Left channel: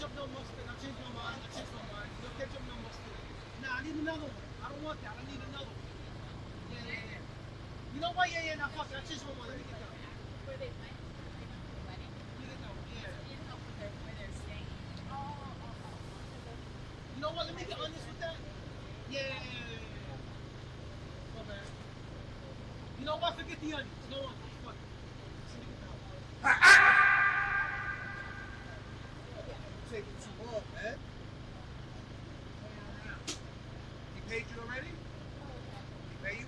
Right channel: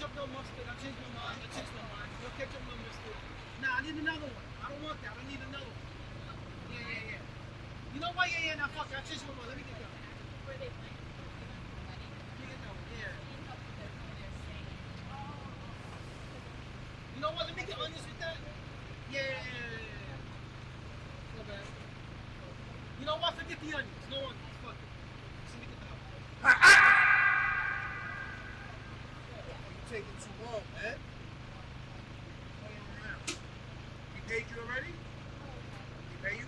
ketchup, no mustard. I changed my mind. No ketchup, no mustard. Nah, I need another one. I don't want that. I need another one. Yeah. You know what? Yeah. Now fuck it. I changed my mind. Let me get that one. Let me get that one. Yeah. You know what? Let me get onions with that. Yeah. My bad. You know what? Forget the onions. No onions. Fuck it. Just let me get the house. You're taking too long, man. Playing around. He paid you already? He paid you?